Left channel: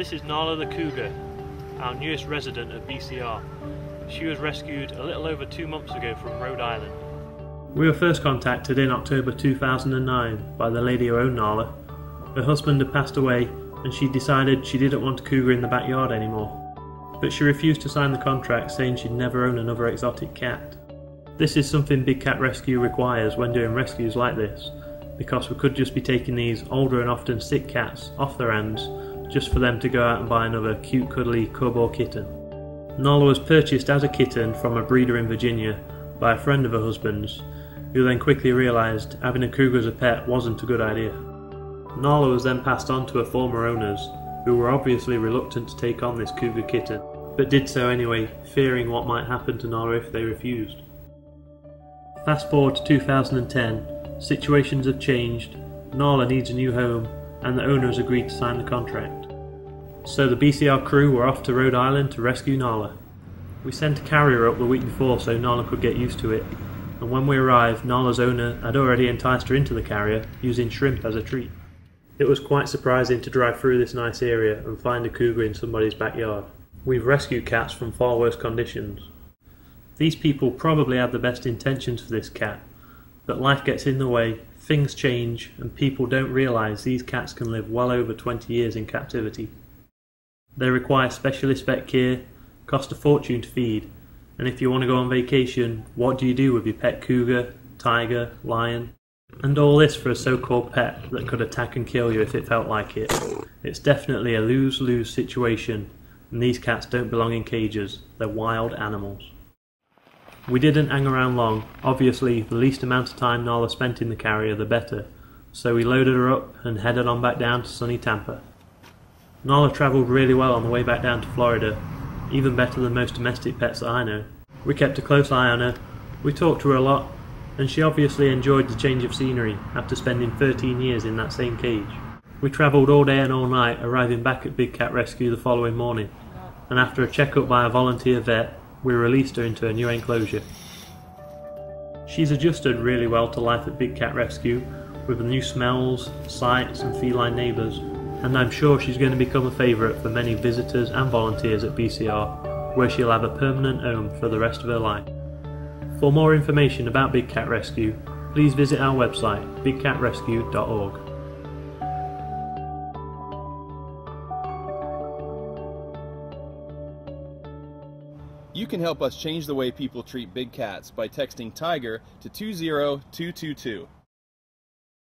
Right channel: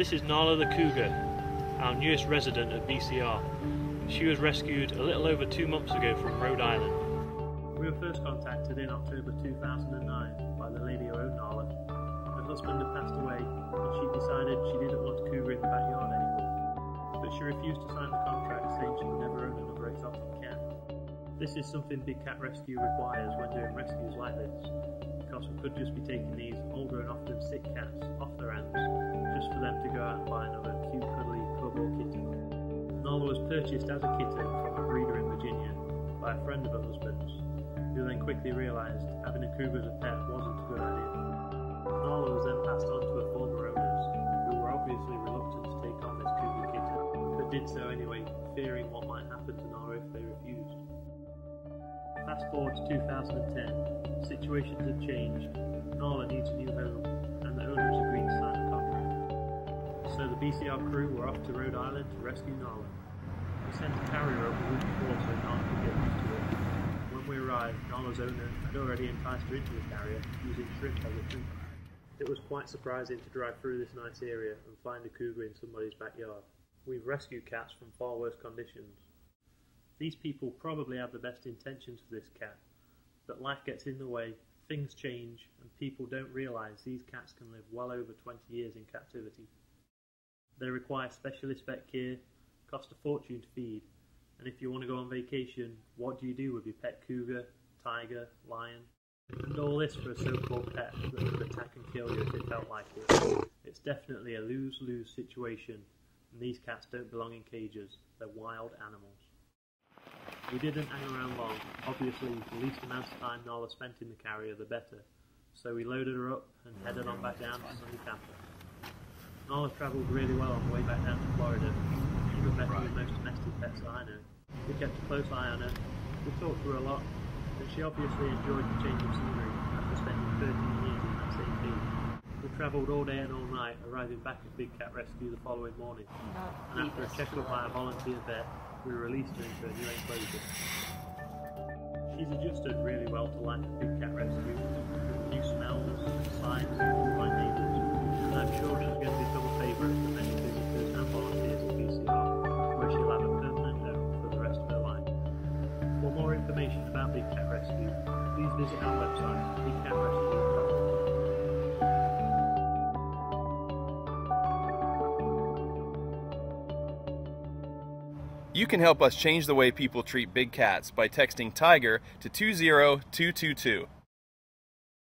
This is Nala the cougar, our newest resident at BCR. She was rescued a little over 2 months ago from Rhode Island. We were first contacted in October 2009 by the lady who owned Nala. Her husband had passed away and she decided she didn't want a cougar in the backyard anymore. But she refused to sign the contract, saying she'd never own another exotic cat. This is something Big Cat Rescue requires when doing rescues like this, because we could just be taking these older and often sick cats off their hands just for them to go out and buy another cute cuddly cub or kitten. Nala was purchased as a kitten from a breeder in Virginia by a friend of her husband's, who then quickly realised having a cougar as a pet wasn't a good idea. Nala was then passed on to her former owners, who were obviously reluctant to take on this cougar kitten, but did so anyway, fearing what might happen to Nala if they refused. Fast forward to 2010, situations have changed, Nala needs a new home, and the owners agreed to sign the contract. So the BCR crew were off to Rhode Island to rescue Nala. We sent a carrier up the week before so Nala could get used to it, and when we arrived, Nala's owner had already enticed her into the carrier, using shrimp as a treat. It was quite surprising to drive through this nice area and find a cougar in somebody's backyard. We've rescued cats from far worse conditions. These people probably had the best intentions for this cat, but life gets in the way, things change, and people don't realise these cats can live well over 20 years in captivity. They require specialist vet care, cost a fortune to feed, and if you want to go on vacation, what do you do with your pet cougar, tiger, lion? And all this for a so-called pet that could attack and kill you if it felt like it. It's definitely a lose-lose situation, and these cats don't belong in cages, they're wild animals. We didn't hang around long. Obviously, the least amount of time Nala spent in the carrier the better, so we loaded her up and headed on back down to sunny Tampa. Nala travelled really well on the way back down to Florida, even better than most domestic pets that I know. We kept a close eye on her, we talked to her a lot, and she obviously enjoyed the change of scenery after spending 13 years in that same cage. We travelled all day and all night, arriving back at Big Cat Rescue the following morning, and after a check-up by a volunteer vet, we released her into a new enclosure. She's adjusted really well to life at Big Cat Rescue, with the new smells, sights and feline neighbours, and I'm sure she's going to become a favourite for many visitors and volunteers at BCR, where she'll have a permanent home for the rest of her life. For more information about Big Cat Rescue, please visit our website, bigcatrescue.org. You can help us change the way people treat big cats by texting TIGER to 20222.